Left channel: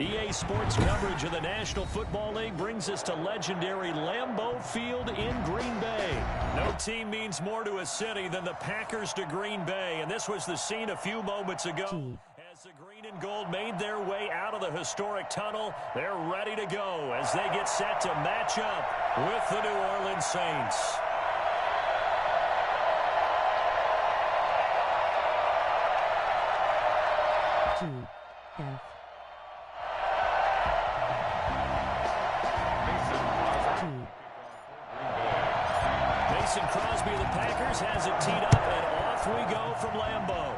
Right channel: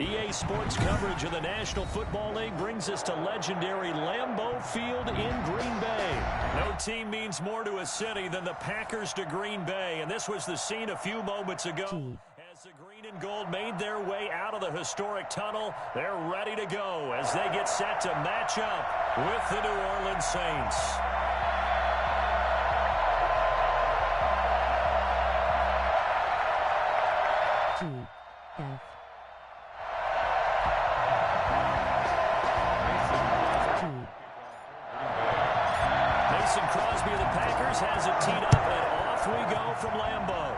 EA Sports coverage of the National Football League brings us to legendary Lambeau Field in Green Bay. No team means more to a city than the Packers to Green Bay, and this was the scene a few moments ago. As the green and gold made their way out of the historic tunnel, they're ready to go as they get set to match up with the New Orleans Saints. GF. Mason Crosby of the Packers has it teed up, and off we go from Lambeau.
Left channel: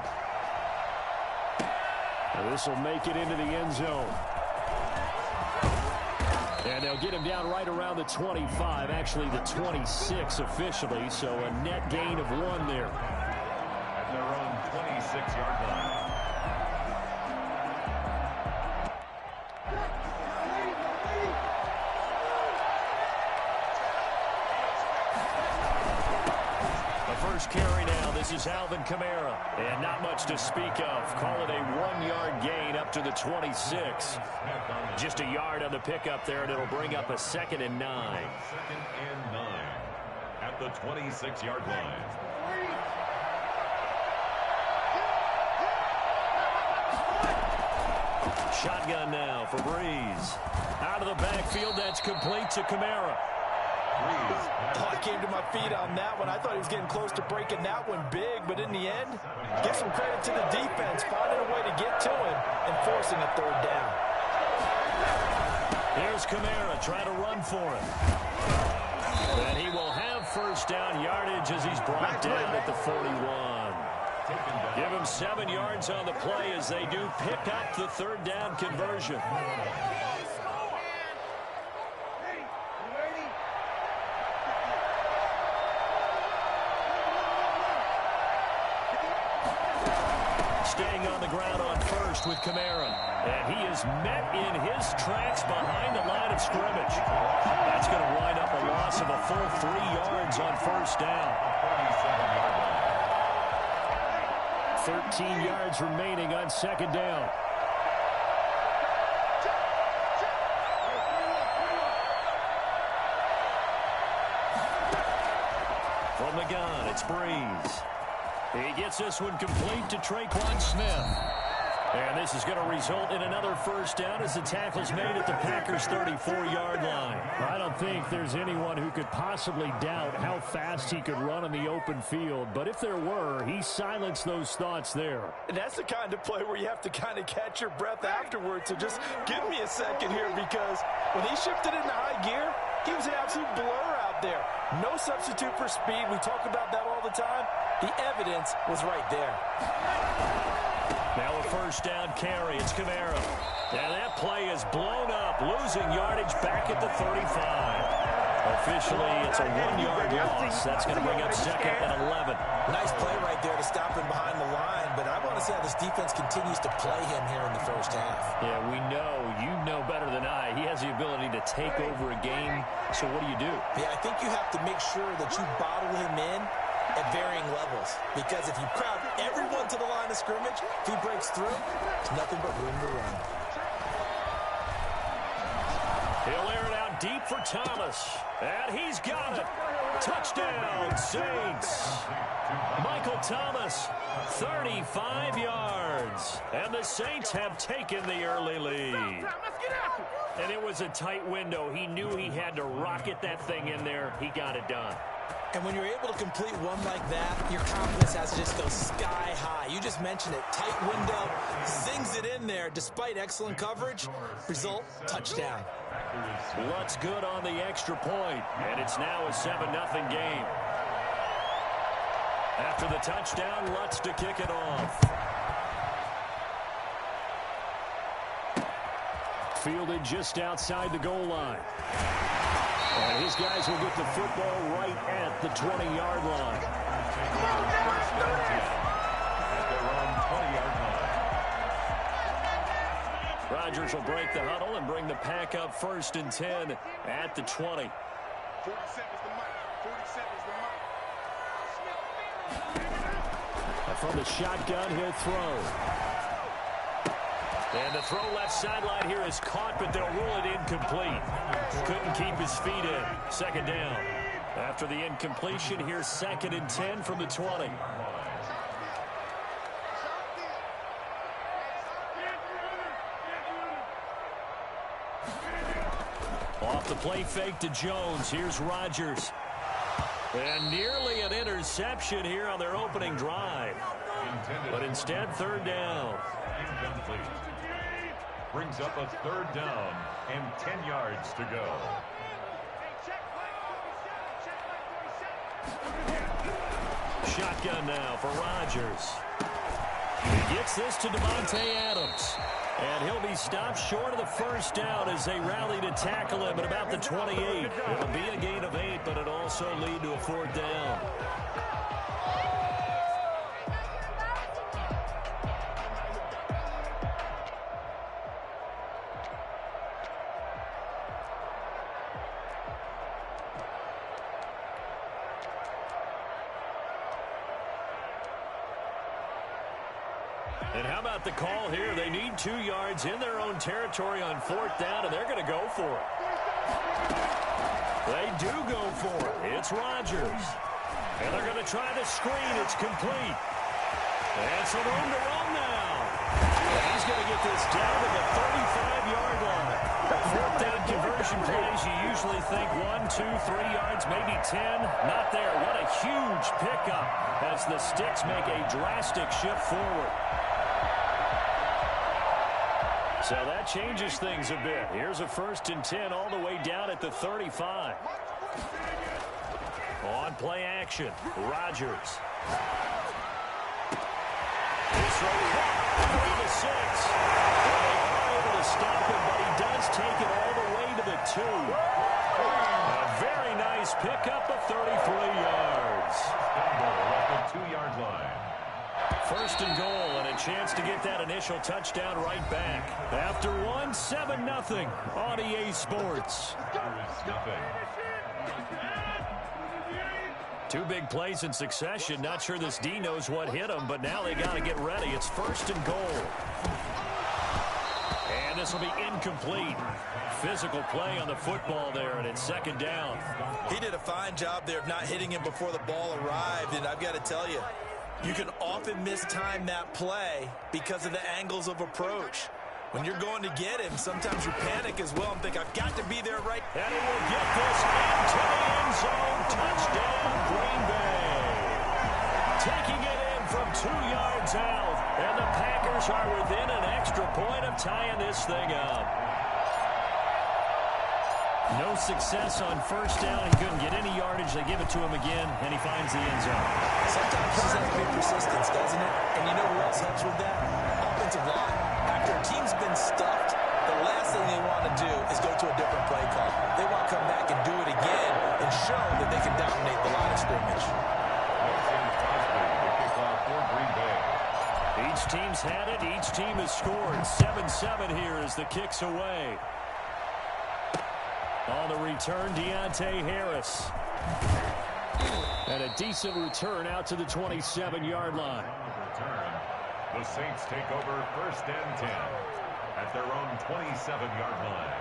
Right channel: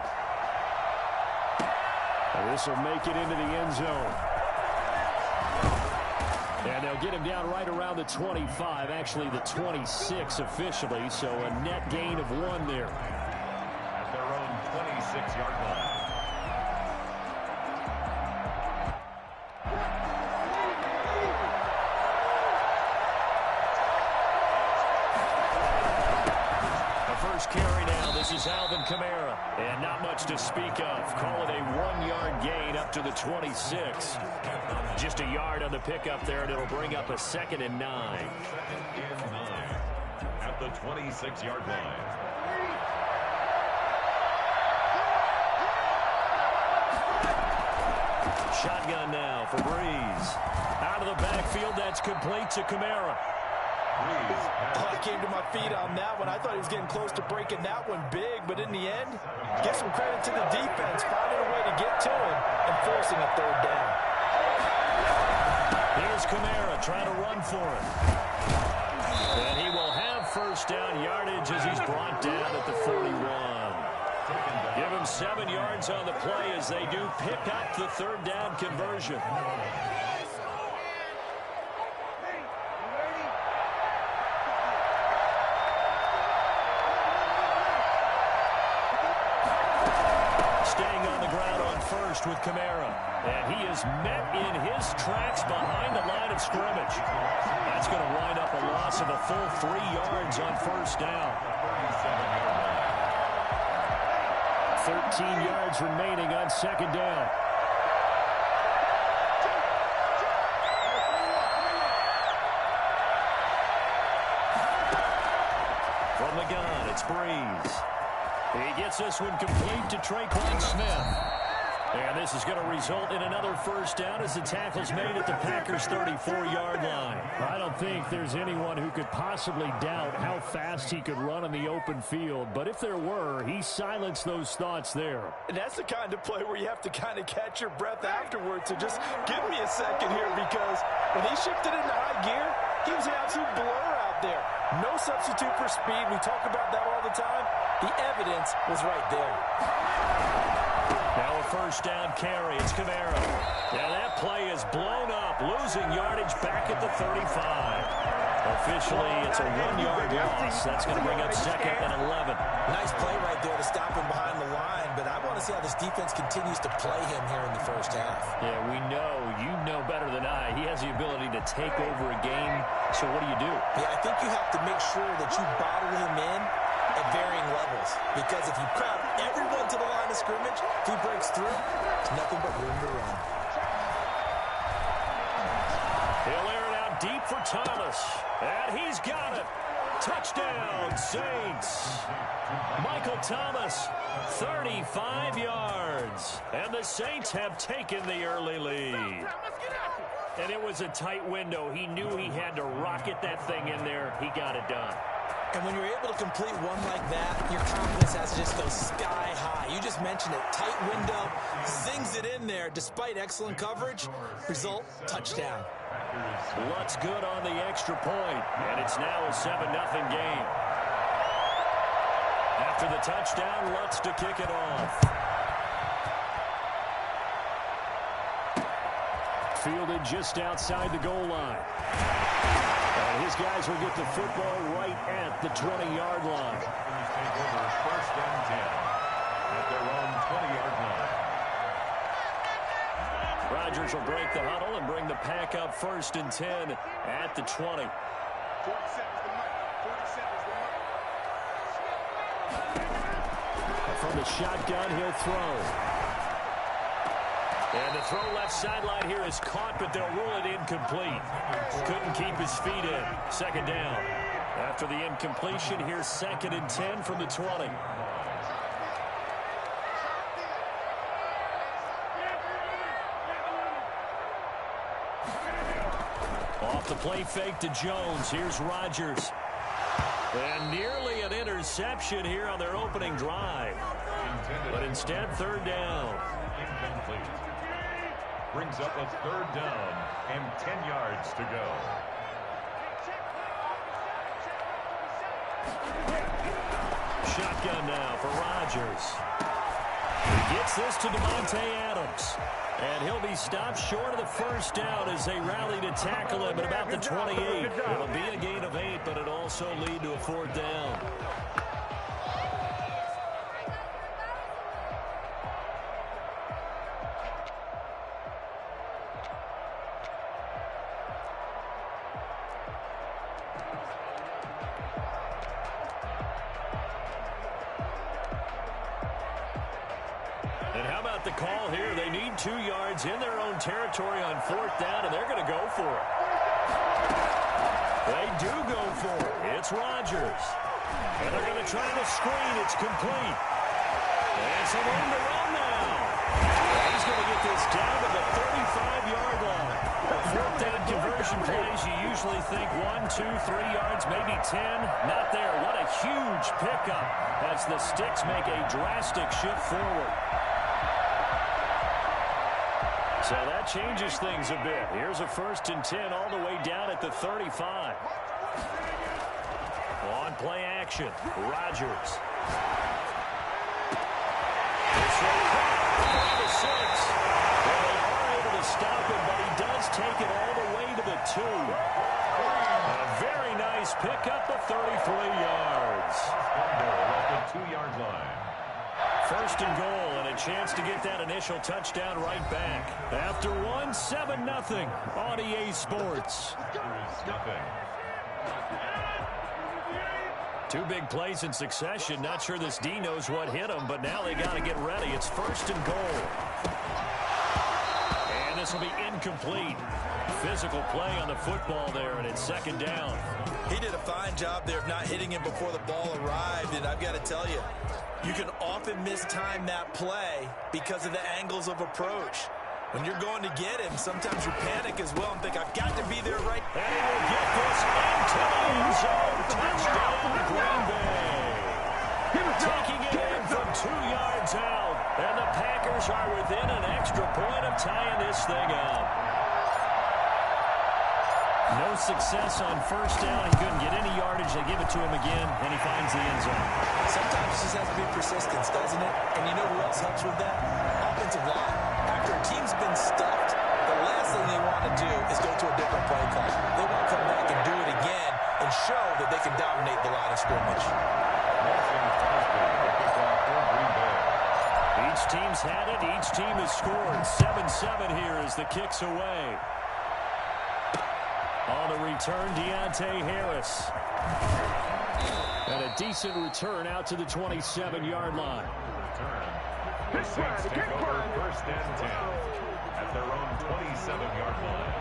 This will make it into the end zone. And they'll get him down right around the 25, actually the 26 officially, so a net gain of 1 there. At their own 26-yard line. First carry now. This is Alvin Kamara. And not much to speak of. Call it a 1-yard gain up to the 26. Just a yard on the pickup there, and it'll bring up a 2nd and 9. 2nd and 9 at the 26-yard line. Shotgun now for Breeze. Out of the backfield, that's complete to Kamara. Oh, I came to my feet on that one. I thought he was getting close to breaking that one big, but in the end, give some credit to the defense, finding a way to get to him and forcing a 3rd down. Here's Kamara trying to run for it. And he will have 1st down yardage as he's brought down at the 41. Give him 7 yards on the play as they do pick up the 3rd down conversion. Staying on the ground on 1st with Kamara. And he is met in his tracks behind the line of scrimmage. That's going to wind up a loss of a full 3 yards on 1st down. 13 yards remaining on 2nd down. From the gun, it's Breeze. He gets this one complete to Traquan Smith. And this is going to result in another 1st down as the tackle's made at the Packers' 34-yard line. I don't think there's anyone who could possibly doubt how fast he could run on the open field. But if there were, he silenced those thoughts there. And that's the kind of play where you have to kind of catch your breath afterwards. So just give me a second here, because when he shifted into high gear, he was an absolute blur out there. No substitute for speed. We talk about that all the time. The evidence was right there. Now a 1st down carry. It's Kamara. And that play is blown up, losing yardage back at the 35. Officially, it's a 1-yard loss. That's going to bring up 2nd and 11. Nice play right there to stop him behind the line, but I want to see how this defense continues to play him here in the 1st half. Yeah, we know. You know better than I. He has the ability to take over a game. So what do you do? Yeah, I think you have to make sure that you bottle him in at varying levels, because if you crowd everyone to the line of scrimmage, if he breaks through, there's nothing but room to run. He'll air it out deep for Thomas, and he's got it. Touchdown, Saints. Michael Thomas, 35 yards, and the Saints have taken the early lead. And it was a tight window. He knew he had to rocket that thing in there. He got it done. And when you're able to complete one like that, your confidence has to just go sky high. You just mentioned it. Tight window, zings it in there despite excellent coverage. Result, touchdown. Lutz good on the extra point, and it's now a 7-0 game. After the touchdown, Lutz to kick it off. Fielded just outside the goal line. And his guys will get the football right at the 20-yard line. Take over 1st and 10 at their own 20-yard line. Rodgers will break the huddle and bring the pack up 1st and 10 at the 20. 47's the mic. 47's the mic. From the shotgun, he'll throw. And the throw left sideline here is caught, but they'll rule it incomplete. Couldn't keep his feet in. Second down. After the incompletion, here's 2nd and 10 from the 20. Off the play fake to Jones. Here's Rodgers. And nearly an interception here on their opening drive. But instead, 3rd down. Incomplete. Brings up a 3rd down and 10 yards to go. Shotgun now for Rodgers. He gets this to Devontae Adams. And he'll be stopped short of the 1st down as they rally to tackle him at about the 28. It'll be a gain of 8, but it'll also lead to a 4th down. And how about the call here? They need 2 yards in their own territory on 4th down, and they're going to go for it. They do go for it. It's Rodgers. And they're going to try the screen. It's complete. And some room to run now. And he's going to get this down to the 35-yard line. 4th down conversion plays, you usually think 1, 2, 3 yards, maybe 10. Not there. What a huge pickup as the Sticks make a drastic shift forward. So that changes things a bit. Here's a 1st and 10 all the way down at the 35. On play action, Rodgers. This throw caught around the 6. Well, they are able to stop him, but he does take it all the way to the 2. A very nice pickup of 33 yards. Goal at the 2-yard line. 1st and goal, and a chance to get that initial touchdown right back. After 1, 7-0 on EA Sports. There is nothing. 2 big plays in succession. Not sure this D knows what hit him, but now they got to get ready. It's 1st and goal. And this will be incomplete. Physical play on the football there, and it's 2nd down. He did a fine job there of not hitting him before the ball arrived, and I've got to tell you, you can often mistime that play because of the angles of approach. When you're going to get him, sometimes you panic as well and think, I've got to be there right. And he will get this into the end zone. Touchdown, Green Bay. Taking it in from 2 yards out. And the Packers are within an extra point of tying this thing up. No success on 1st down. He couldn't get any yardage. They give it to him again, and he finds the end zone. Sometimes it just has to be persistence, doesn't it? And you know who else helps with that? Offensive line. After a team's been stuffed, the last thing they want to do is go to a different play call. They want to come back and do it again and show that they can dominate the line of scrimmage. Mason Crosby, the kickoff for Green Bay. Each team's had it. Each team has scored. 7-7 here as the kick's away. On the return, Deontay Harris. And a decent return out to the 27-yard line. Return. The Saints take over 1st and 10 at their own 27-yard line.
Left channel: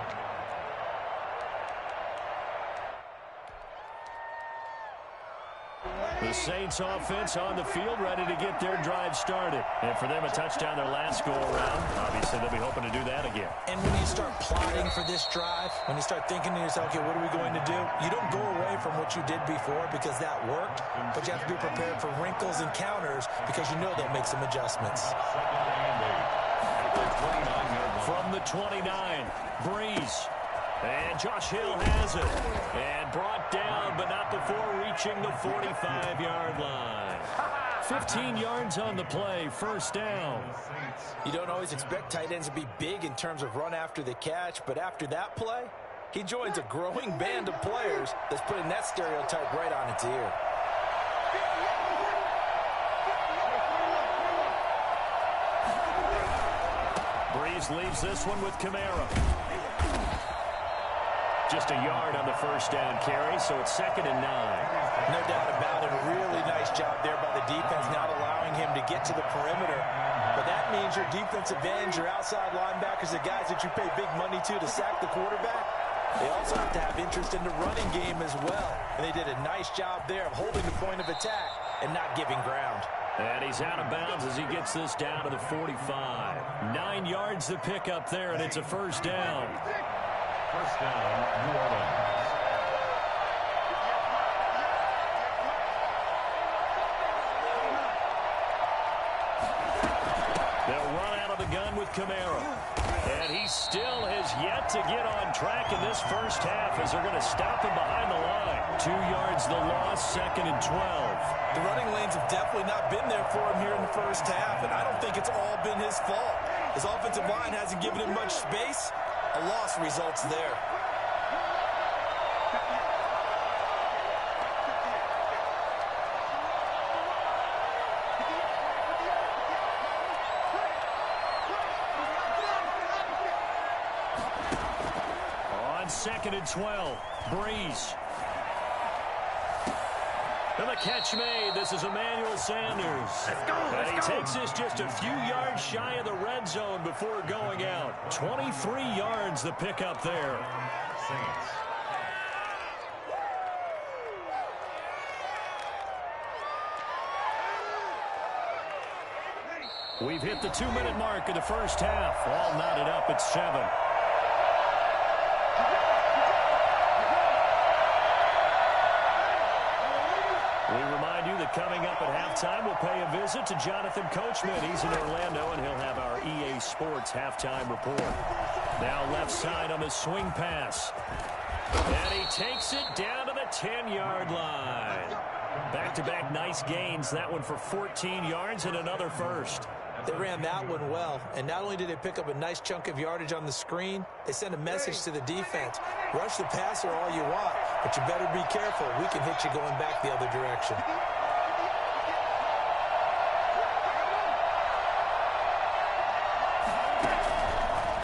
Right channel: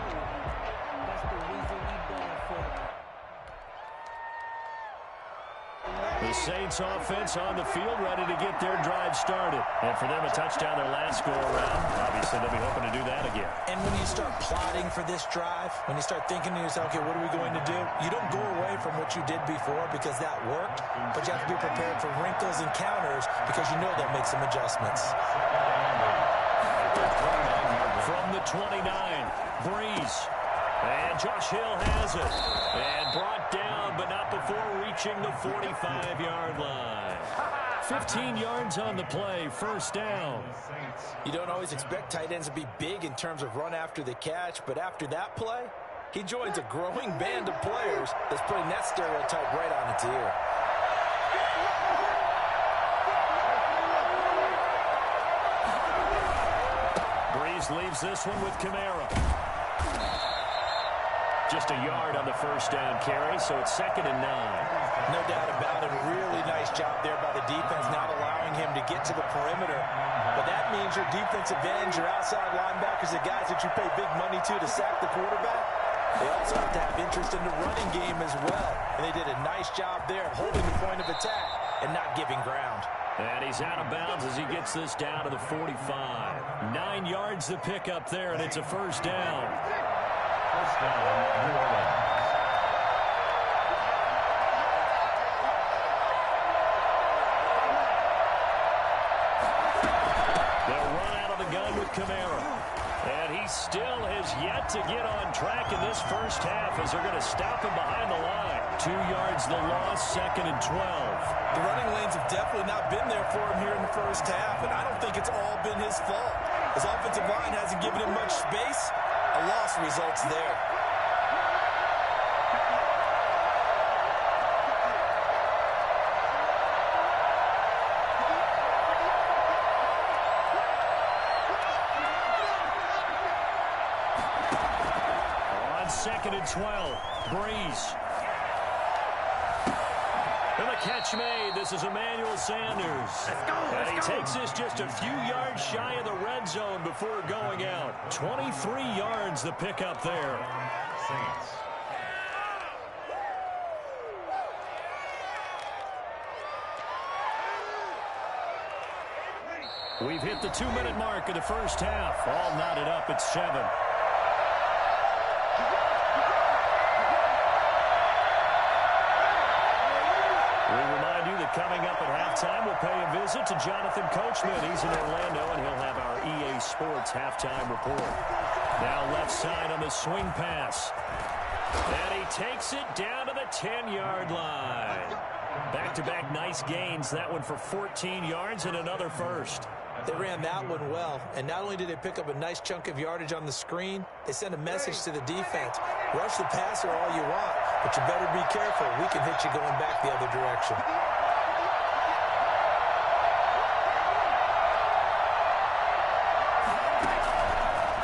The Saints offense on the field, ready to get their drive started. And for them, a touchdown their last go-around. Obviously, they'll be hoping to do that again. And when you start plotting for this drive, when you start thinking to yourself, okay, what are we going to do? You don't go away from what you did before because that worked, but you have to be prepared for wrinkles and counters because you know they'll make some adjustments. From the 29, Breeze. And Josh Hill has it. And brought down, but not before reaching the 45-yard line. 15 yards on the play, 1st down. You don't always expect tight ends to be big in terms of run after the catch, but after that play, he joins a growing band of players that's putting that stereotype right on its ear. Breeze leaves this one with Kamara. just a yard on the first down carry, so it's 2nd and 9. No doubt about it. A really nice job there by the defense, not allowing him to get to the perimeter. But that means your defensive ends, your outside linebackers, the guys that you pay big money to sack the quarterback, they also have to have interest in the running game as well. And they did a nice job there of holding the point of attack and not giving ground. And he's out of bounds as he gets this down to the 45. 9 yards to pick up there, and it's a first down. First down, New Orleans. They'll run out of the gun with Kamara. And he still has yet to get on track in this first half as they're going to stop him behind the line. 2 yards the loss, 2nd and 12. The running lanes have definitely not been there for him here in the first half, and I don't think it's all been his fault. His offensive line hasn't given him much space. A loss results there. On 2nd and 12, Breeze. And the catch made. This is Emmanuel Sanders. And he takes this just a few yards shy of the red zone before going out. 23 yards the pickup there. Saints. We've hit the 2-minute mark of the first half. All knotted up at 7. We remind you that coming up at halftime, we'll pay a visit to Jonathan Coachman. He's in Orlando, and he'll have our EA Sports halftime report. Now left side on the swing pass. And he takes it down to the 10-yard line. Back-to-back nice gains. That one for 14 yards and another first. They ran that one well, and not only did they pick up a nice chunk of yardage on the screen, they sent a message to the defense. Rush the passer all you want, but you better be careful. We can hit you going back the other direction.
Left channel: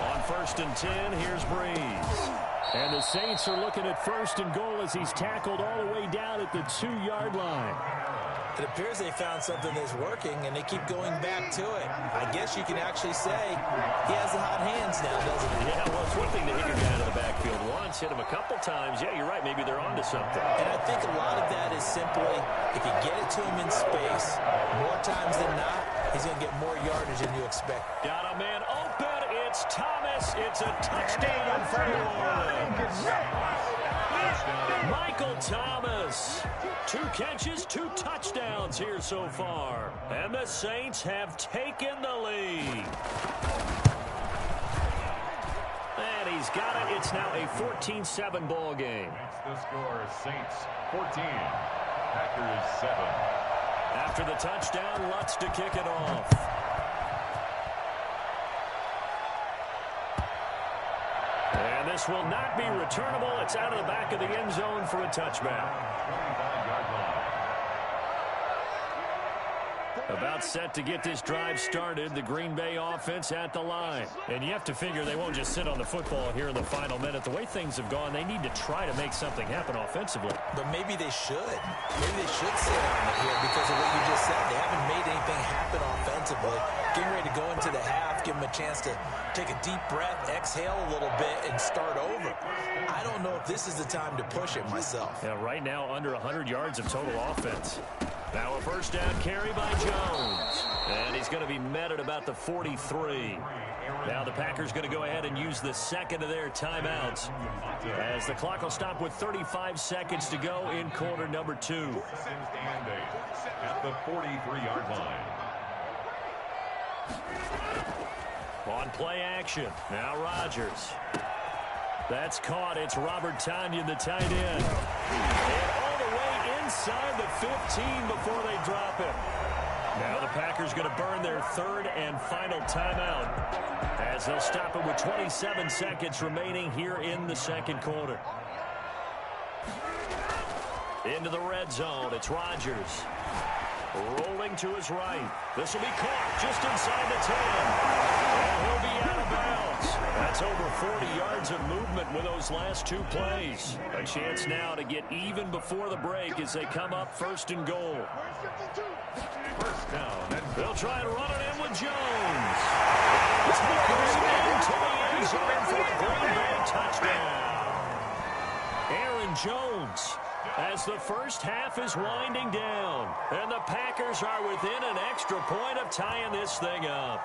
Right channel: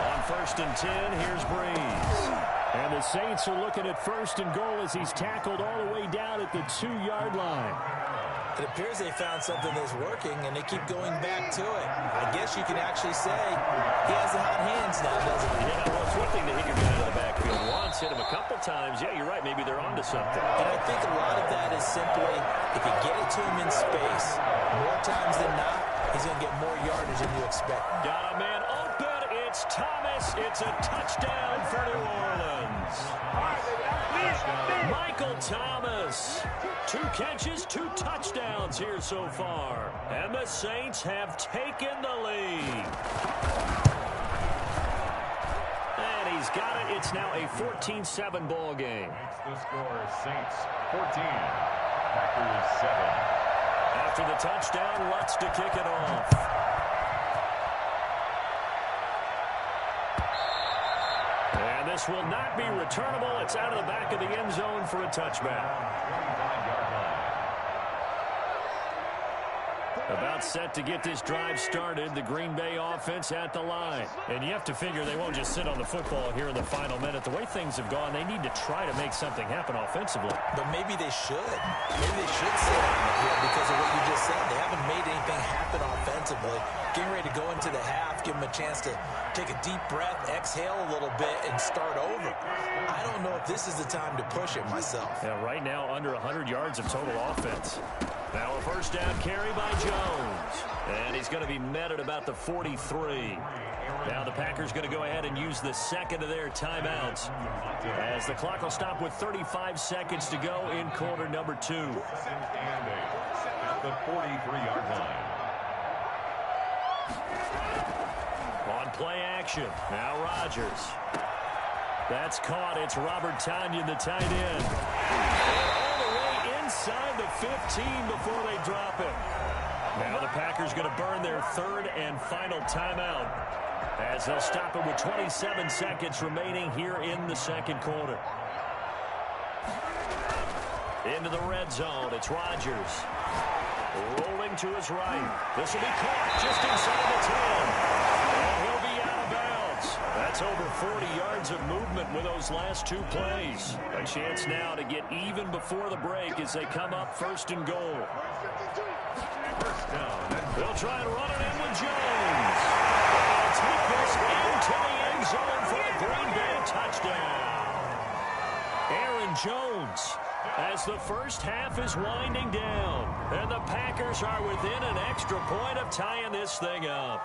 On 1st and 10, here's Breeze. And the Saints are looking at 1st and goal as he's tackled all the way down at the 2-yard line. It appears they found something that's working, and they keep going back to it. I guess you can actually say he has the hot hands now, doesn't he? Yeah, well, it's one thing to hit your guy out of the backfield once, hit him a couple times. Yeah, you're right. Maybe they're onto something. And I think a lot of that is simply if you get it to him in space, more times than not, he's going to get more yardage than you expect. Got a man open. It's Thomas. It's a touchdown for New Orleans. Michael Thomas. 2 catches, 2 touchdowns here so far. And the Saints have taken the lead. And he's got it. It's now a 14-7 ball game. Makes the score Saints 14, Packers 7. After the touchdown, Lutz to kick it off. And this will not be returnable. It's out of the back of the end zone for a touchback. 25-yard line. About set to get this drive started. The Green Bay offense at the line. And you have to figure they won't just sit on the football here in the final minute. The way things have gone, they need to try to make something happen offensively. But maybe they should. Maybe they should sit on it here because of what you just said. They haven't made anything happen offensively. Getting ready to go into the half, give them a chance to take a deep breath, exhale a little bit, and start over. I don't know if this is the time to push it myself. Yeah, right now under 100 yards of total offense. Now a first down carry by Jones. And he's going to be met at about the 43. Now the Packers going to go ahead and use the second of their timeouts as the clock will stop with 35 seconds to go in quarter number 2. At the 43-yard line. On play action. Now Rodgers. That's caught. It's Robert Tonyan, the tight end. And all the way inside the 15 before they drop him. Now the Packers going to burn their 3rd and final timeout as they'll stop it with 27 seconds remaining here in the 2nd quarter. Into the red zone. It's Rodgers. Rolling to his right. This will be caught just inside the 10. And he'll be out of bounds. That's over 40 yards of movement with those last two plays. A chance now to get even before the break as they come up first and goal. First down. They'll try and run it in with Jones. And he'll take this into the end zone for a Green Bay touchdown. Aaron Jones, as the first half is winding down. And the Packers are within an extra point of tying this thing up.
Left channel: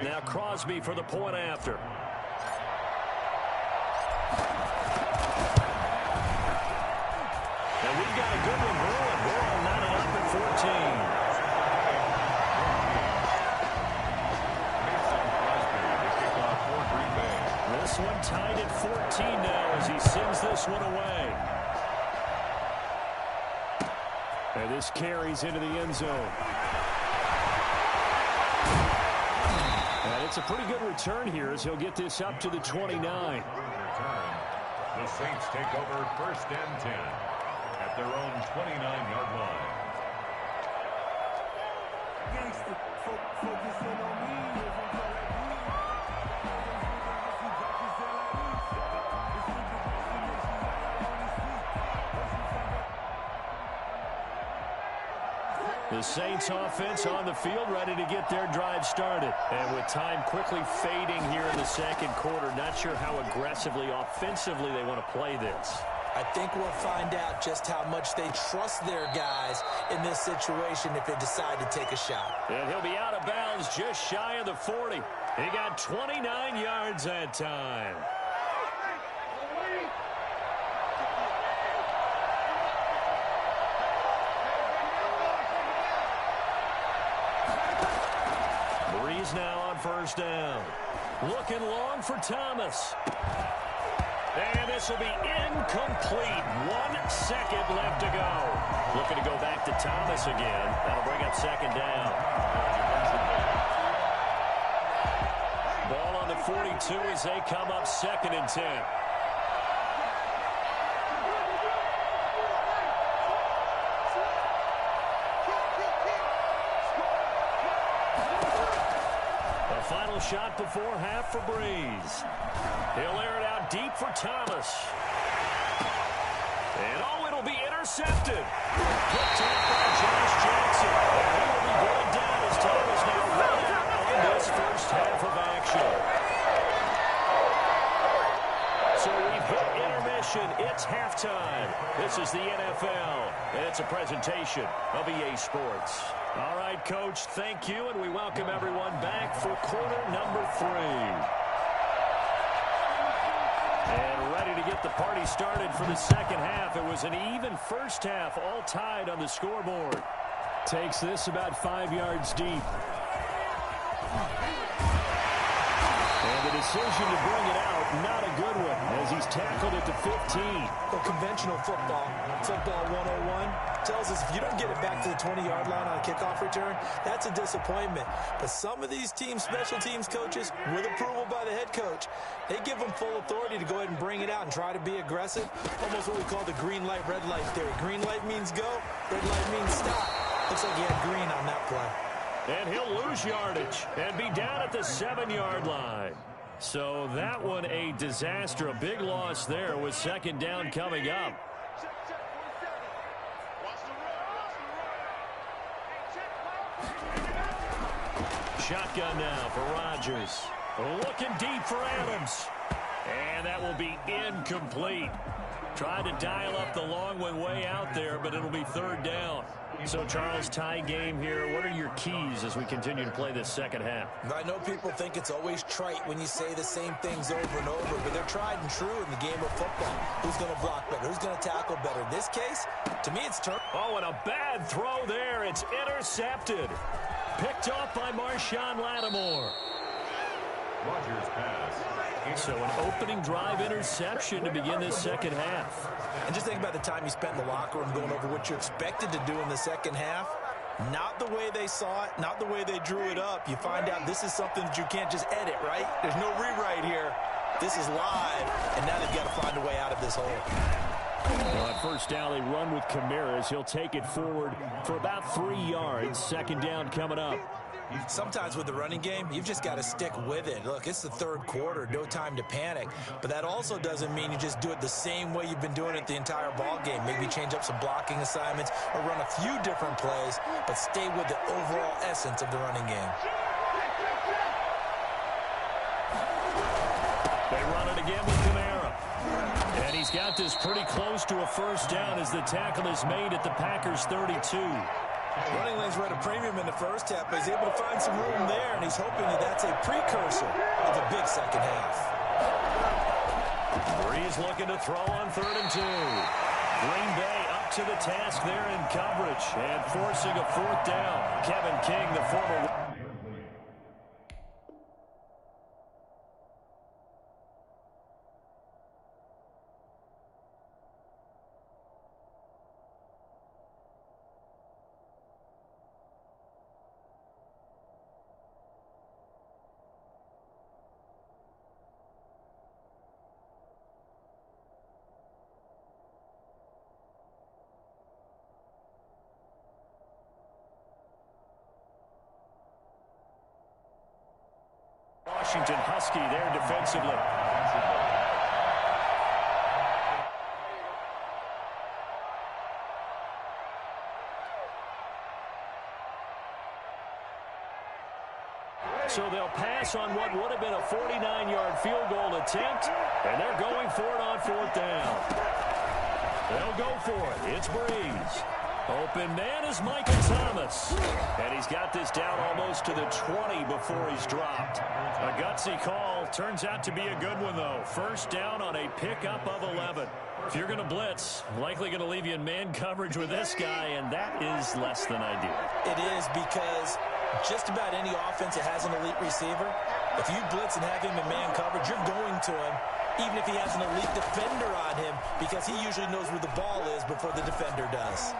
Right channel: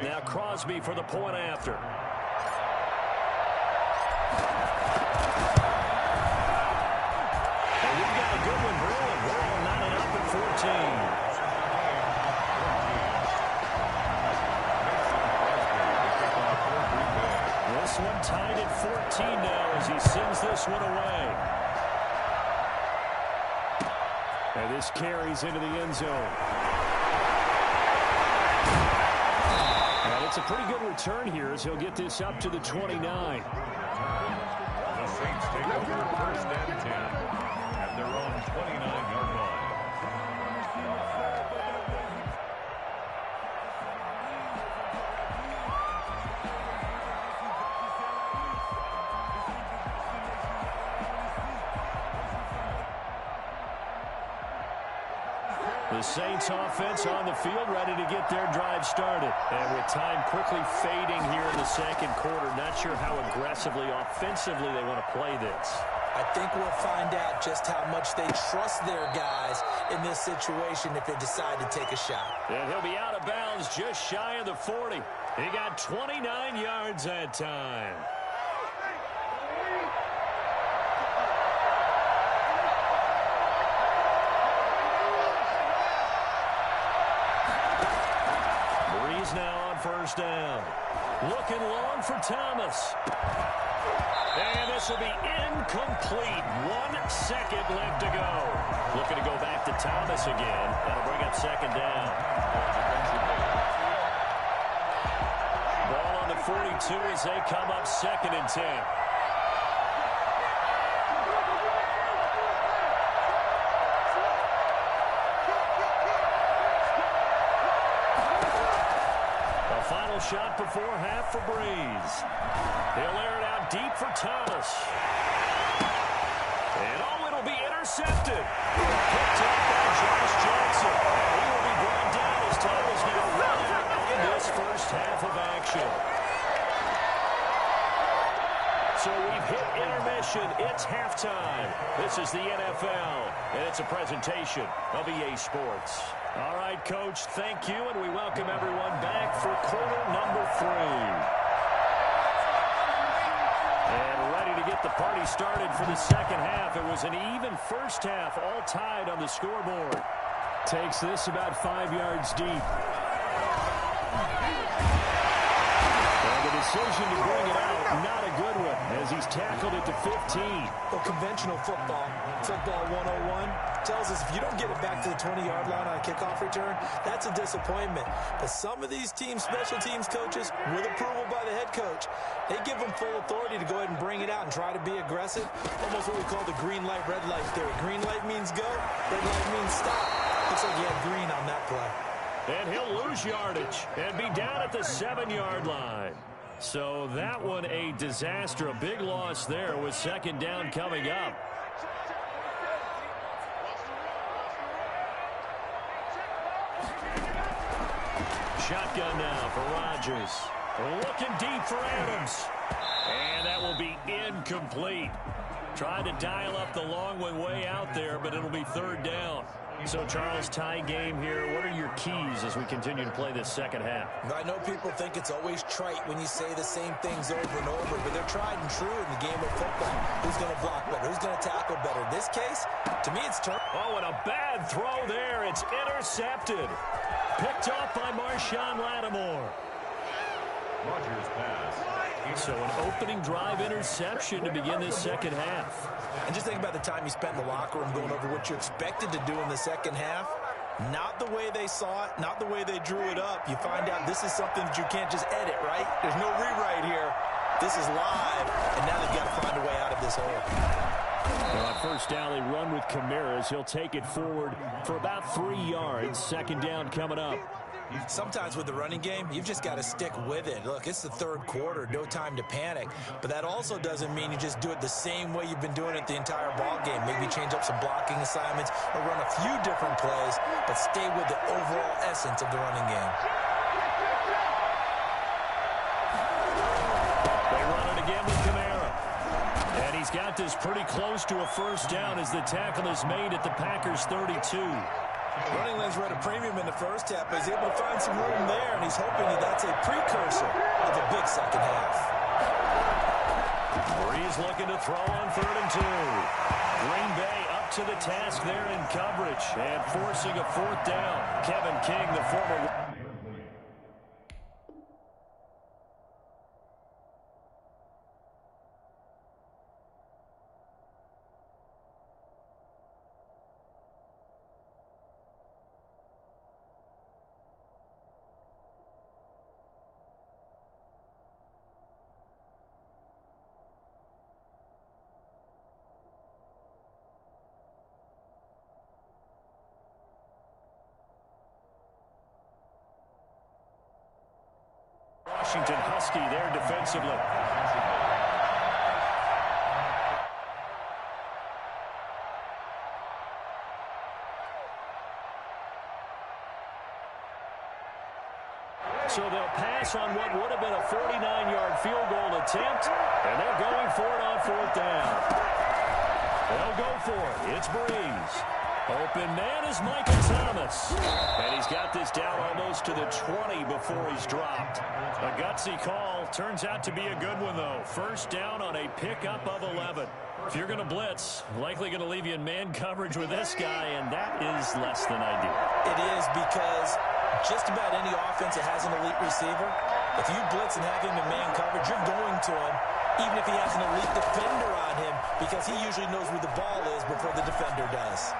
Now Crosby for the point after. And we've got a good one brewing. We're all knotted up at 14. This one tied at 14 now as he sends this one away. And this carries into the end zone. And it's a pretty good return here as he'll get this up to the 29. The Saints take over first and 10 at their own 29-yard line. The Saints offense on the field ready to get their drive started. And with time quickly fading here in the second quarter, not sure how aggressively, offensively they want to play this. I think we'll find out just how much they trust their guys in this situation if they decide to take a shot. And he'll be out of bounds just shy of the 40. He got 29 yards that time. Breeze now on first down. Looking long for Thomas. And this will be incomplete. 1 second left to go. Looking to go back to Thomas again. That'll bring up second down. Ball on the 42 as they come up second and 10. A final shot before half for Breeze. He'll air it out deep for Thomas. And oh, it'll be intercepted. Picked up by Josh Jackson. And he will be brought down as Thomas now run out on this first half of action. So we've hit intermission. It's halftime. This is the NFL, and it's a presentation of EA Sports. All right, Coach, thank you, and we welcome everyone back for quarter number 3. And ready to get the party started for the second half. It was an even first half, all tied on the scoreboard. Takes this about 5 yards deep. And the decision to bring it out, not a good one, as he's tackled it to 15. Well, conventional football 101, tells us if you don't get it back to the 20-yard line on a kickoff return, that's a disappointment. But some of these teams, special teams coaches, with approval by the head coach, they give them full authority to go ahead and bring it out and try to be aggressive. Almost what we call the green light, red light theory. Green light means go, red light means stop. Looks like he had green on that play. And he'll lose yardage and be down at the 7-yard line. So that one a disaster, a big loss there with second down coming up. Shotgun now for Rodgers. Looking deep for Adams. And that will be incomplete. Tried to dial up the long one way out there, but it'll be third down. So, Charles, tie game here. What are your keys as we continue to play this second half? I know people think it's always trite when you say the same things over and over, but they're tried and true in the game of football. Who's going to block better? Who's going to tackle better? In this case, to me, it's turn. Oh, and a bad throw there. It's intercepted. Picked off by Marshawn Lattimore. Rodgers pass. So an opening drive interception to begin this second half. And just think about the time you spent in the locker room going over what you expected to do in the second half. Not the way they saw it, not the way they drew it up. You find out this is something that you can't just edit, right? There's no rewrite here. This is live, and now they've got to find a way out of this hole. Now on first down, they run with Kamara. He'll take it forward for about 3 yards. Second down coming up. Sometimes with the running game, you've just got to stick with it. Look, it's the third quarter, no time to panic. But that also doesn't mean you just do it the same way you've been doing it the entire ball game. Maybe change up some blocking assignments or run a few different plays, but stay with the overall essence of the running game. They run it again with Kamara. And he's got this pretty close to a first down as the tackle is made at the Packers' 32. Running lanes were at a premium in the first half, but he's able to find some room there, and he's hoping that that's a precursor of a big second half. Breeze looking to throw on 3rd and 2. Green Bay up to the task there in coverage and forcing a 4th down. Kevin King, the former... Washington Husky there defensively. So they'll pass on what would have been a 49-yard field goal attempt, and they're going for it on 4th down. They'll go for it. It's Breeze. Open man is Michael Thomas. And he's got this down almost to the 20 before he's dropped. A gutsy call. Turns out to be a good one, though. First down on a pickup of 11. If you're going to blitz, likely going to leave you in man coverage with this guy, and that is less than ideal. It is, because just about any offense that has an elite receiver, if you blitz and have him in man coverage, you're going to him, even if he has an elite defender on him, because he usually knows where the ball is before the defender does.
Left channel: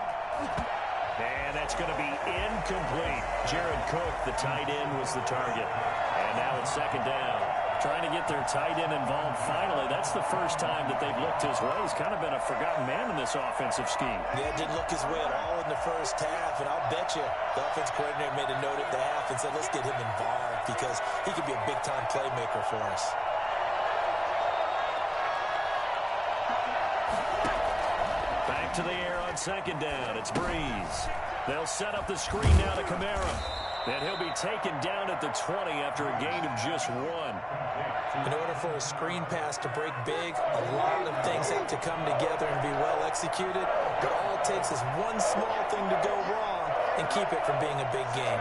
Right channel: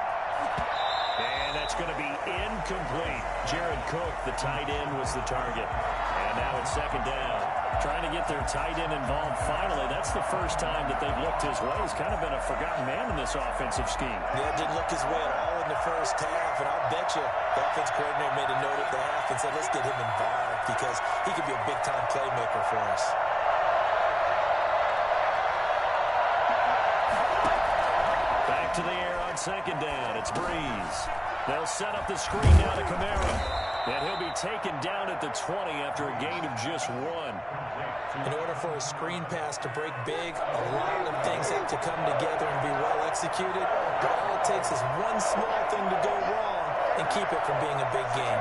And that's going to be incomplete. Jared Cook, the tight end, was the target. And now it's 2nd down. Trying to get their tight end involved finally. That's the first time that they've looked his way. He's kind of been a forgotten man in this offensive scheme. Yeah, didn't look his way at all in the first half. And I'll bet you the offense coordinator made a note at the half and said, let's get him involved because he could be a big-time playmaker for us. Back to the air on 2nd down. It's Breeze. They'll set up the screen now to Kamara. And he'll be taken down at the 20 after a gain of just 1. In order for a screen pass to break big, a lot of things have to come together and be well executed. But all it takes is one small thing to go wrong and keep it from being a big game.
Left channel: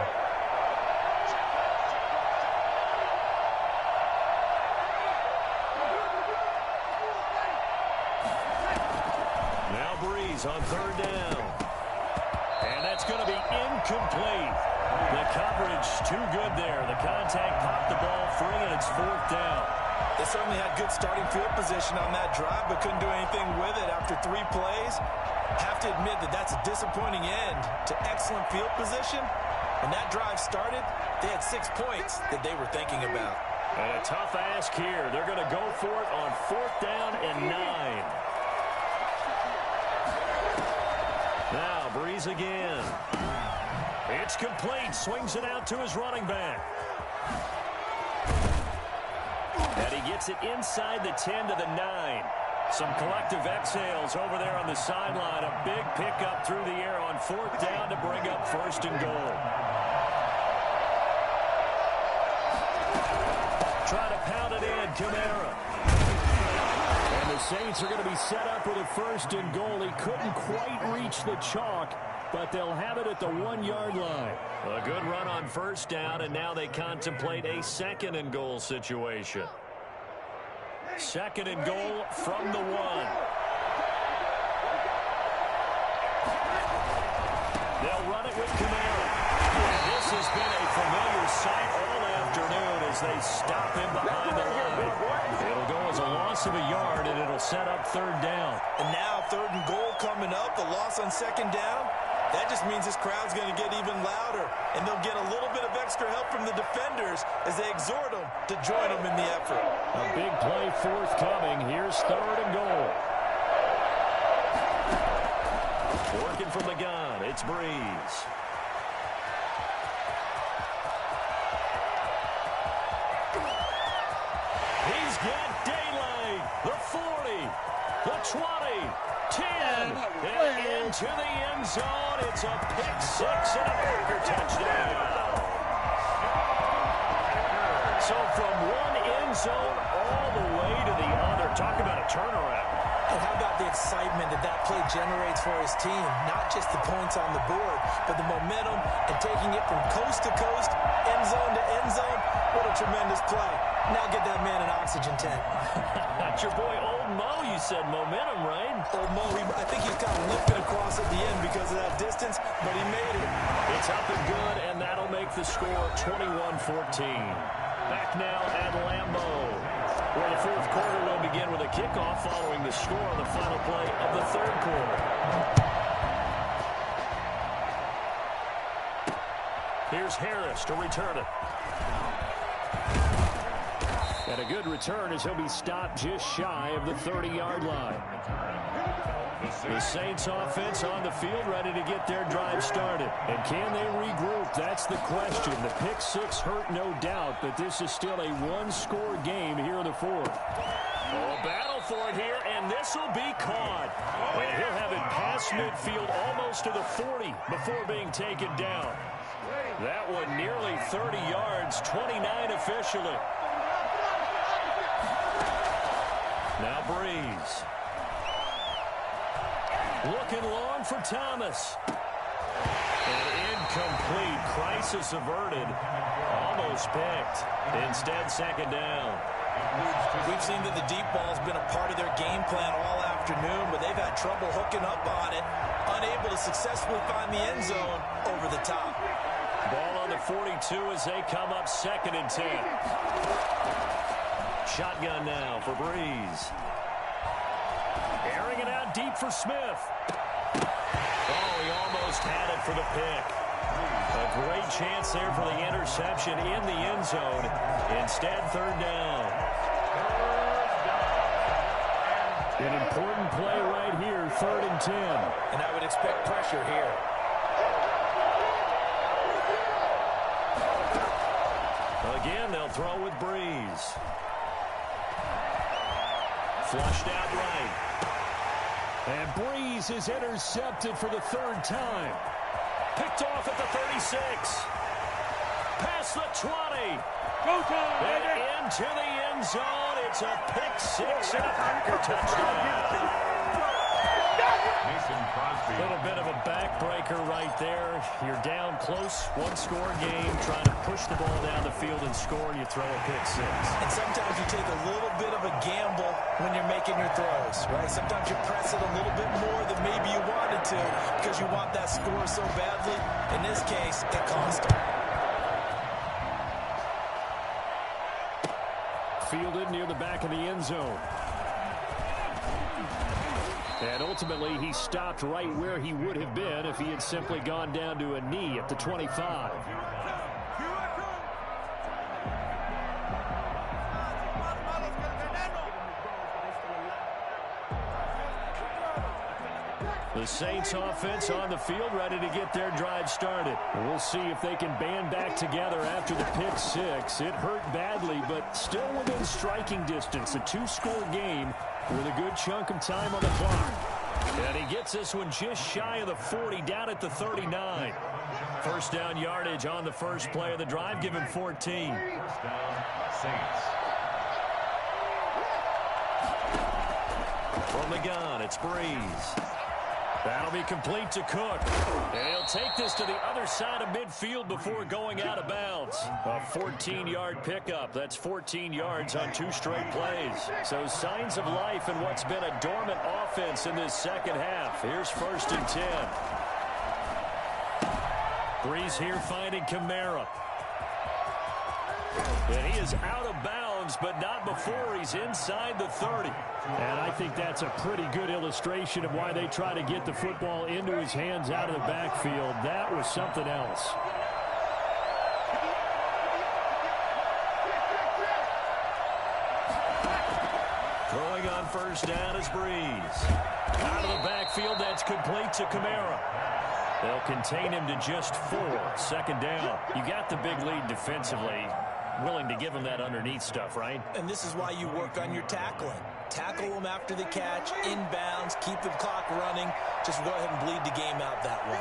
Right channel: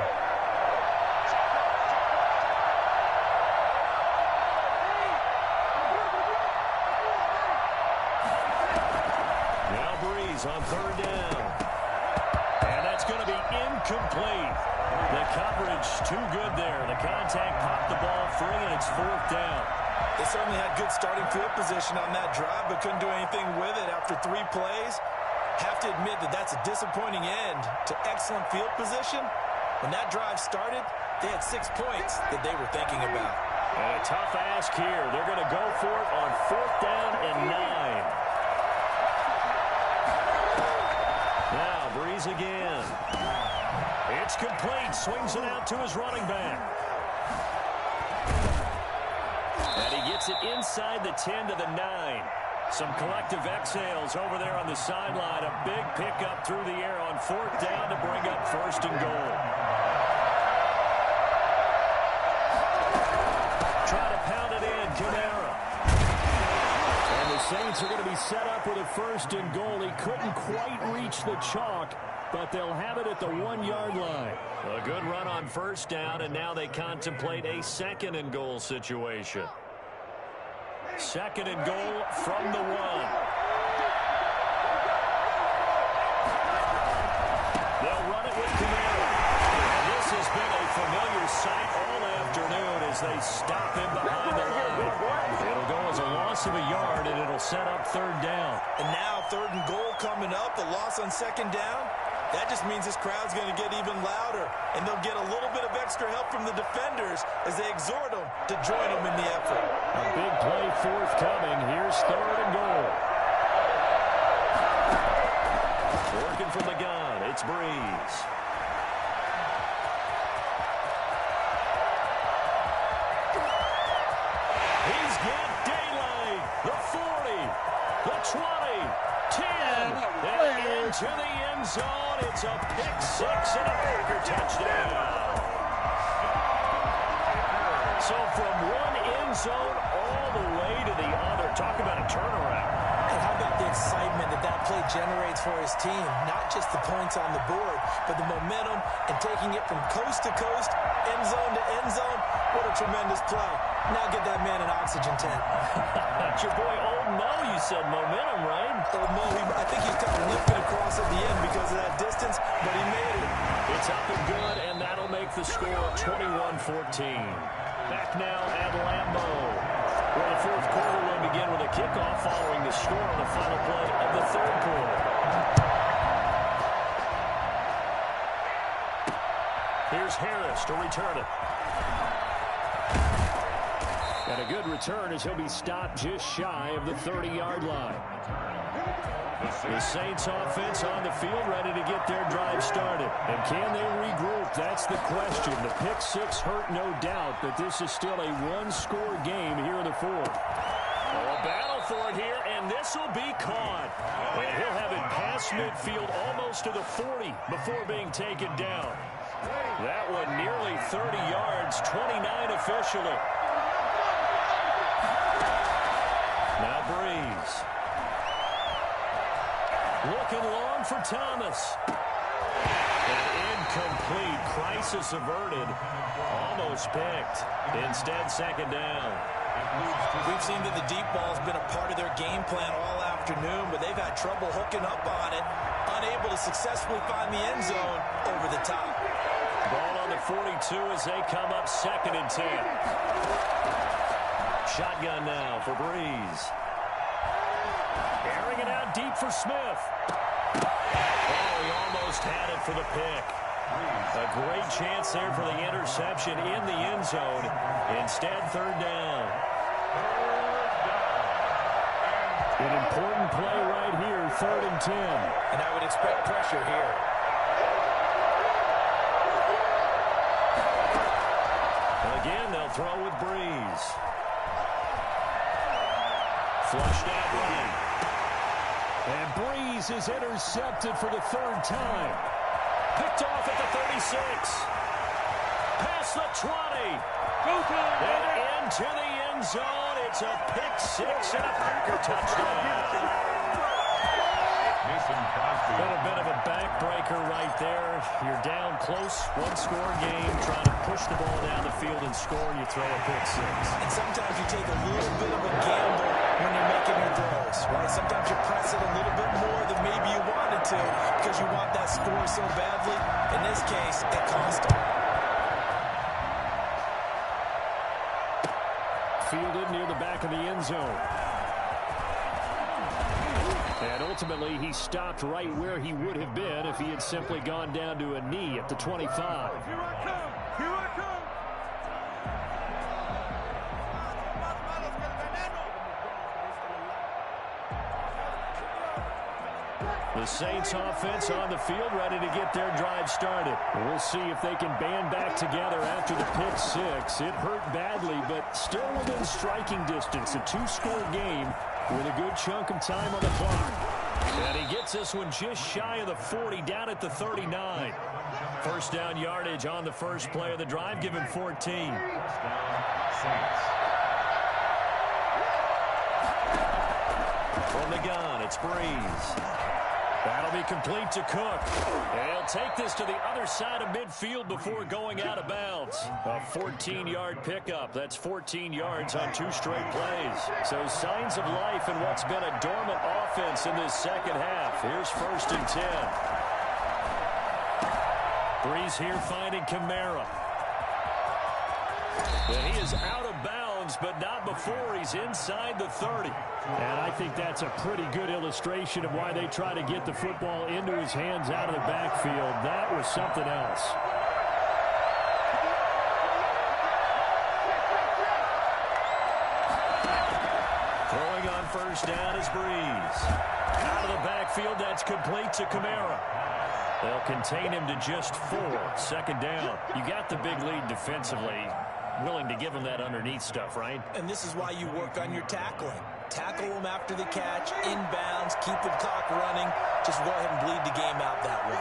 Now Breeze on 3rd down. And that's going to be incomplete. The coverage too good there. The contact popped the ball free, and it's 4th down. They certainly had good starting field position on that drive, but couldn't do anything with it after 3 plays. Have to admit that that's a disappointing end to excellent field position. When that drive started, they had 6 points that they were thinking about. And a tough ask here. They're going to go for it on 4th down and 9. Now Breeze again. It's complete. Swings it out to his running back. And he gets it inside the 10 to the 9. Some collective exhales over there on the sideline. A big pickup through the air on 4th down to bring up 1st and goal. Try to pound it in, Kamara. And the Saints are going to be set up with a 1st and goal. He couldn't quite reach the chalk, but they'll have it at the 1-yard line. A good run on 1st down, and now they contemplate a 2nd and goal situation. 2nd and goal from the 1. They'll run it with Kamara. And this has been a familiar sight all afternoon as they stop him behind the line. It'll go as a loss of a yard, and it'll set up 3rd down. And now 3rd and goal coming up, the loss on 2nd down. That just means this crowd's going to get even louder, and they'll get a little bit of extra help from the defenders as they exhort them to join them in the effort. A big play forthcoming. Here's 3rd and goal. Working from the gun, it's Breeze. He's got daylight. The 40, the 20, 10, and into the end zone. It's a pick six and a Packer touchdown. So from one end zone all the way to the other. Talk about a turnaround. And how about the excitement that play generates for his team? Not just the points on the board, but the momentum and taking it from coast to coast, end zone to end zone. What a tremendous play. Now get that man an oxygen tent. That's your boy Old Mo, you said. Momentum, right? Old Mo, I think he's kind of limping across at the end because of that distance, but he made it. It's up and good, and that'll make the score 21-14. Back now at Lambeau, where the fourth quarter will begin with a kickoff following the score on the final play of the third quarter. Here's Harris to return it. And a good return as he'll be stopped just shy of the 30-yard line. The Saints offense on the field ready to get their drive started. And can they regroup? That's the question. The pick six hurt, no doubt, but this is still a one-score game here in the fourth. Oh, a battle for it here, and this will be caught. And he'll have it past midfield almost to the 40 before being taken down. That one nearly 30 yards, 29 officially. Now Breeze. Looking long for Thomas. And incomplete. Crisis averted. Almost picked. Instead, second down. We've seen that the deep ball's been a part of their game plan all afternoon, but they've had trouble hooking up on it. Unable to successfully find the end zone over the top. Ball on the 42 as they come up 2nd and 10. Shotgun now for Breeze. Airing it out deep for Smith. Oh, he almost had it for the pick. A great chance there for the interception in the end zone. Instead, third down. An important play right here, 3rd and 10. And I would expect pressure here. Again, they'll throw with Breeze. Flushed out right. And Breeze is intercepted for the 3rd time. Picked off at the 36. Past the 20. Go time, and into the end zone. It's a pick six and a Packer touchdown. A little bit of a backbreaker right there. You're down close, one-score game, trying to push the ball down the field and score, and you throw a pick six. And sometimes you take a little bit of a gamble when you're making your throws, right? Sometimes you press it a little bit more than maybe you wanted to because you want that score so badly. In this case, it cost them. Fielded near the back of the end zone. And ultimately, he stopped right where he would have been if he had simply gone down to a knee at the 25. Here I come. The Saints offense on the field ready to get their drive started. We'll see if they can band back together after the pick six. It hurt badly, but still within striking distance. A two-score game with a good chunk of time on the clock. And he gets this one just shy of the 40, down at the 39. First down yardage on the first play of the drive, give him 14. Saints. From the gun, it's Breeze. That'll be complete to Cook. And he'll take this to the other side of midfield before going out of bounds. A 14-yard pickup. That's 14 yards on 2 straight plays. So signs of life in what's been a dormant offense in this second half. Here's 1st and 10. Breeze here finding Kamara. And he is out of bounds, but not before he's inside the 30. And I think that's a pretty good illustration of why they try to get the football into his hands out of the backfield. That was something else. Throwing on first down is Breeze. Out of the backfield, that's complete to Kamara. They'll contain him to just 4. Second down. You got the big lead defensively. Willing to give him that underneath stuff, right? And this is why you work on your tackling. Tackle them after the catch, inbounds, keep the clock running. Just go ahead and bleed the game out that way.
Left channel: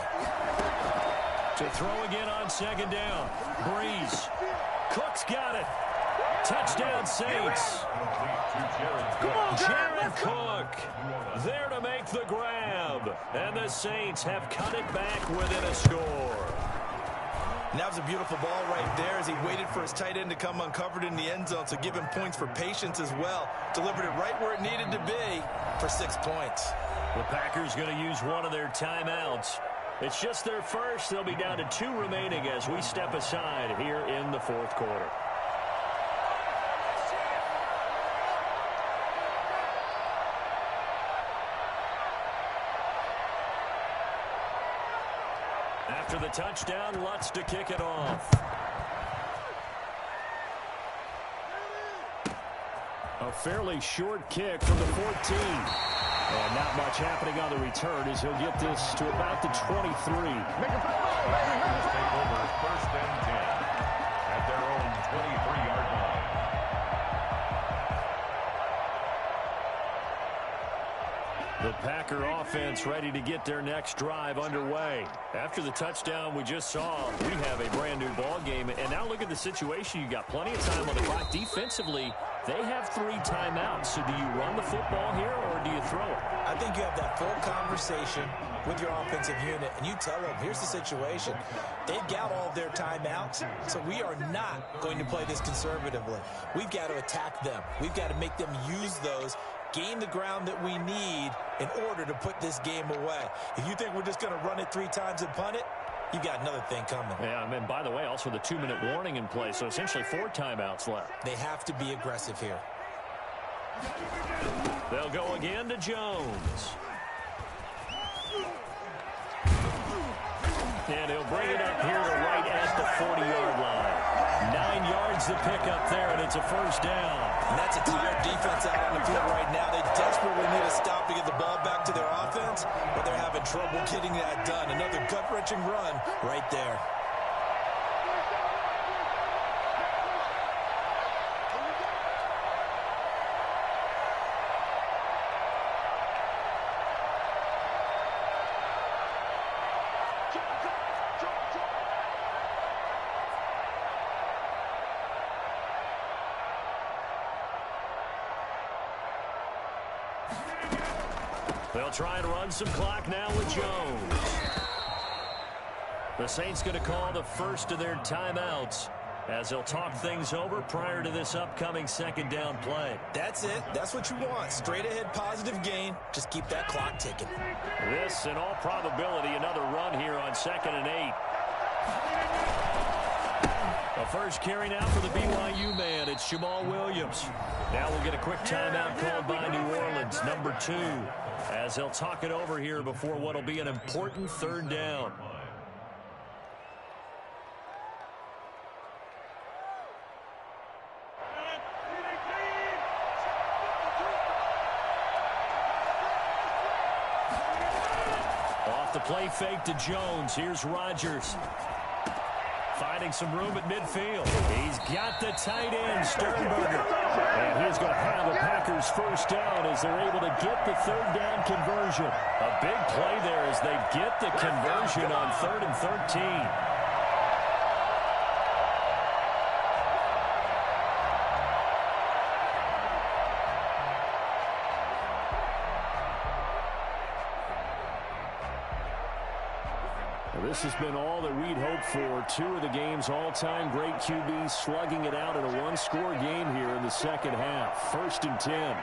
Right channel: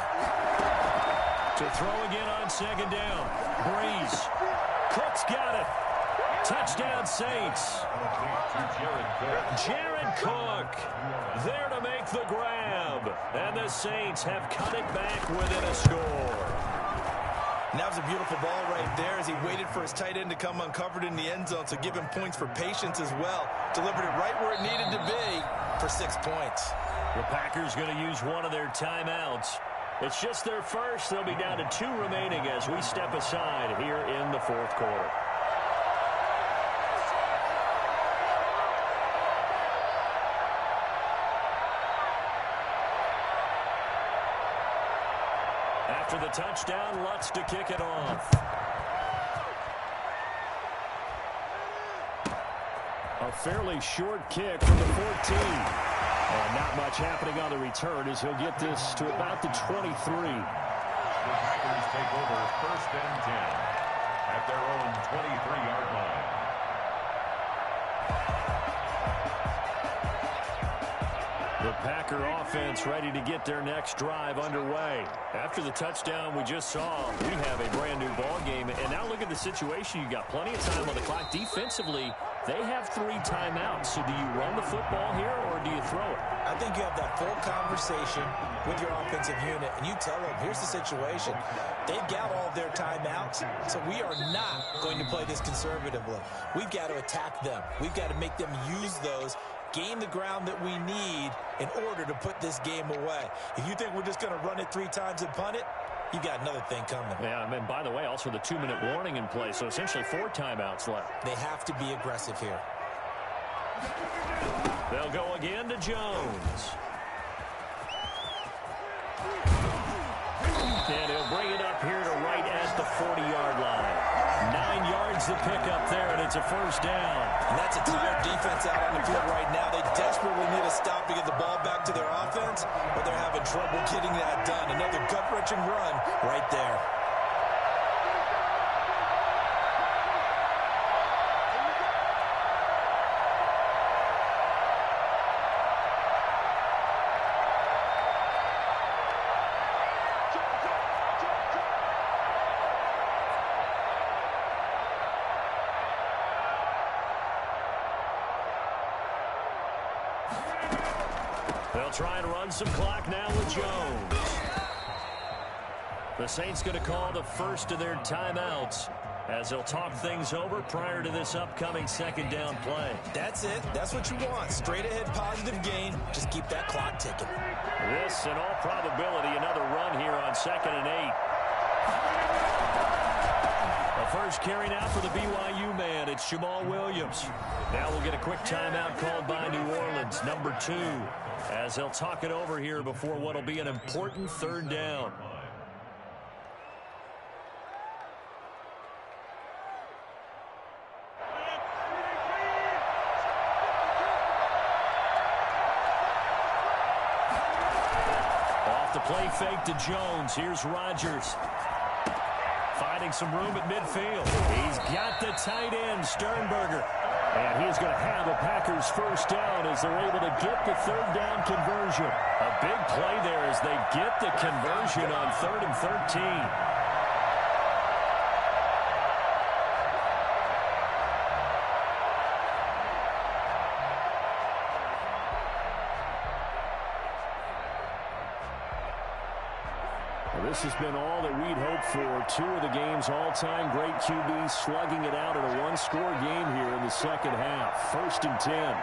To throw again on second down. Breeze. Cook's got it. Touchdown, Saints. Jared Cook there to make the grab. And the Saints have cut it back within a score. And that was a beautiful ball right there as he waited for his tight end to come uncovered in the end zone, so give him points for patience as well. Delivered it right where it needed to be for 6 points. The Packers going to use one of their timeouts. It's just their first. They'll be down to 2 remaining as we step aside here in the fourth quarter. After the touchdown, Lutz to kick it off. A fairly short kick from the 14. And not much happening on the return as he'll get this to about the 23. The Packers take over first and 10 at their own 23-yard line. The Packer offense ready to get their next drive underway. After the touchdown we just saw, we have a brand new ball game. And now look at the situation. You got plenty of time on the clock. Defensively, they have 3 timeouts. So do you run the football here or do you throw it? I think you have that full conversation with your offensive unit, and you tell them, here's the situation. They've got all of their timeouts, so we are not going to play this conservatively. We've got to attack them. We've got to make them use those, gain the ground that we need in order to put this game away. If you think we're just going to run it 3 times and punt it, you got another thing coming. Yeah, and by the way, also the 2-minute warning in place, so essentially 4 timeouts left. They have to be aggressive here. They'll go again to Jones. And he'll bring it up here to right at the 40-yard line. 9 yards to pick up there, and it's a first down. And that's a tired defense out on the field right now. They desperately need a stop to get the ball back to their offense, but they're having trouble getting that done. Another gut-wrenching run right there. They'll try and run some clock now with Jones. The Saints going to call the first of their timeouts as they'll talk things over prior to this upcoming second down play. That's it. That's what you want. Straight ahead positive gain. Just keep that clock ticking. This, in all probability, another run here on 2nd and 8. The first carry now for the BYU man. It's Jamal Williams. Now we'll get a quick timeout called by New Orleans, number 2, as they'll talk it over here before what will be an important 3rd down. Off the play fake to Jones. Here's Rodgers. Finding some room at midfield. He's got the tight end, Sternberger. And he's going to have a Packers first down as they're able to get the 3rd down conversion. A big play there as they get the conversion on 3rd and 13. This has been all that we'd hoped for. 2 of the game's all-time great QBs slugging it out in a 1-score game here in the second half. 1st and 10.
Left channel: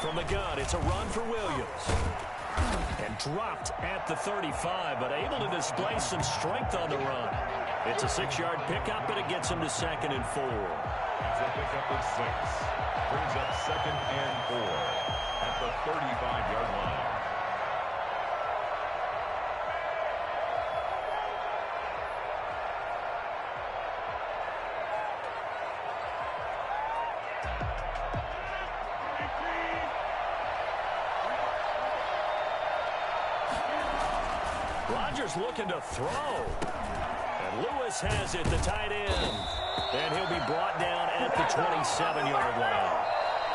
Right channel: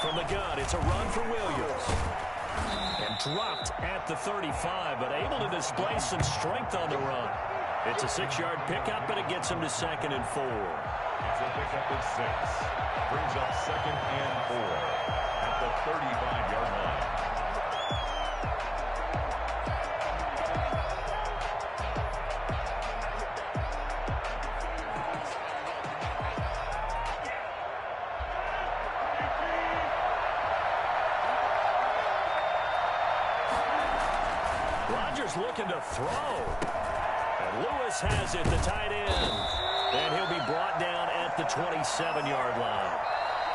From the gun, it's a run for Williams. And dropped at the 35, but able to display some strength on the run. It's a 6-yard pickup, and it gets him to 2nd and 4. It's a pickup of 6. Brings up 2nd and 4 at the 35-yard line. Rodgers looking to throw. And Lewis has it, the tight end. And he'll be brought down at the 27-yard line.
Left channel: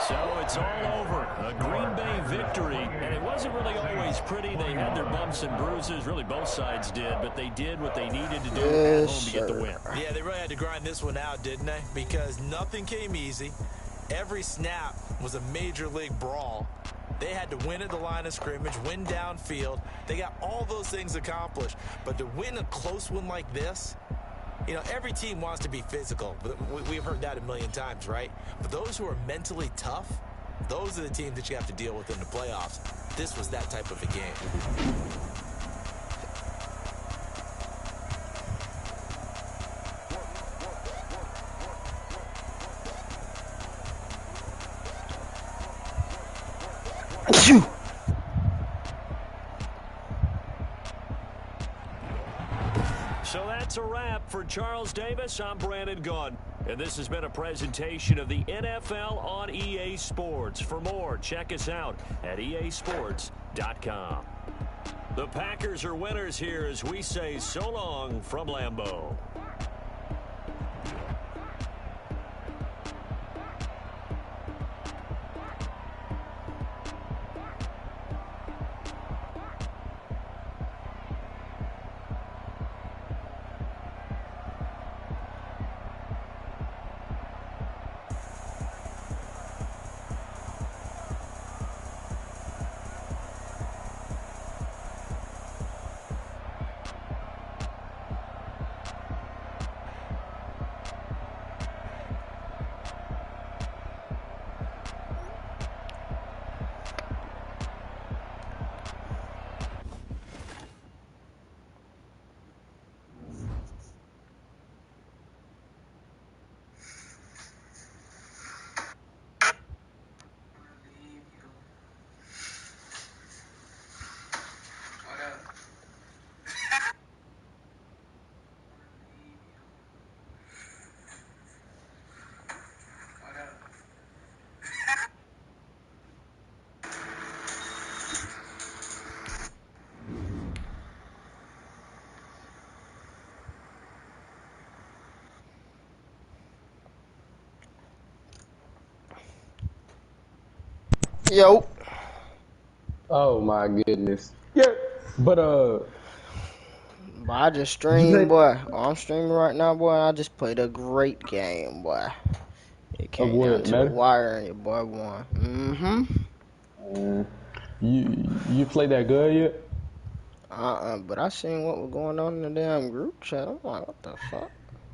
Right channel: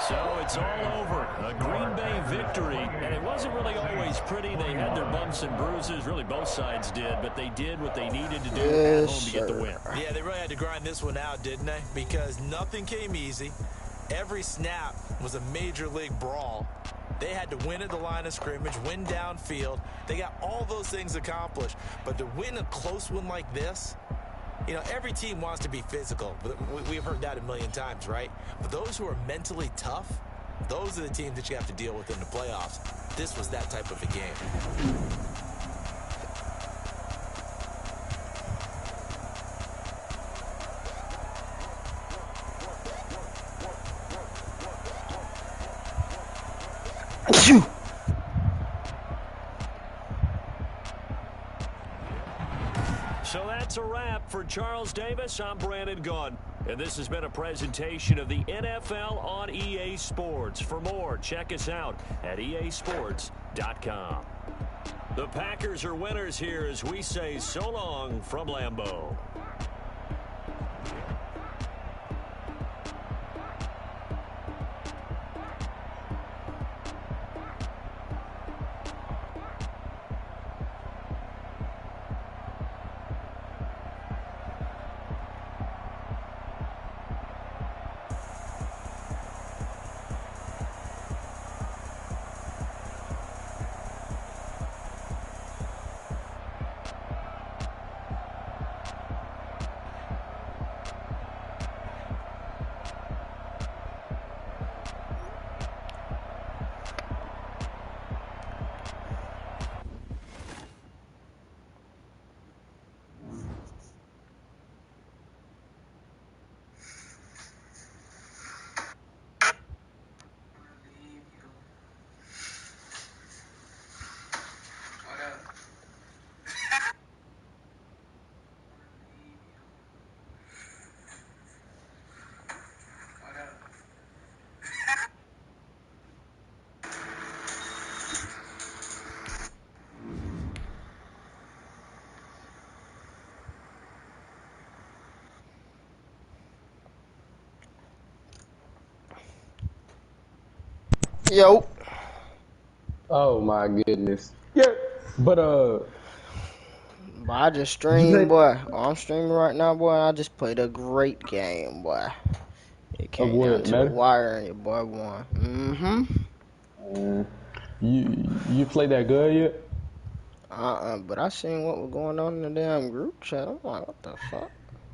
So it's all over. A Green Bay victory. And it wasn't really always pretty. They had their bumps and bruises. Really, both sides did. But they did what they needed to do at home to get the win. Yeah, they really had to grind this one out, didn't they? Because nothing came easy. Every snap was a major league brawl. They had to win at the line of scrimmage, win downfield. They got all those things accomplished. But to win a close one like this, you know, every team wants to be physical. We've heard that a million times, right? But those who are mentally tough, those are the teams that you have to deal with in the playoffs. This was that type of a game. So that's a wrap for Charles Davis. I'm Brandon Gaudin. And this has been a presentation of the NFL on EA Sports. For more, check us out at easports.com. The Packers are winners here as we say so long from Lambeau. Yo. Oh my goodness. Yeah. But I just streamed, boy. Oh, I'm streaming right now, boy. I just played a great game, boy. It came down to the wire and your boy won. You played that good yet? But I seen what was going on in the damn group chat. I'm like, what the fuck?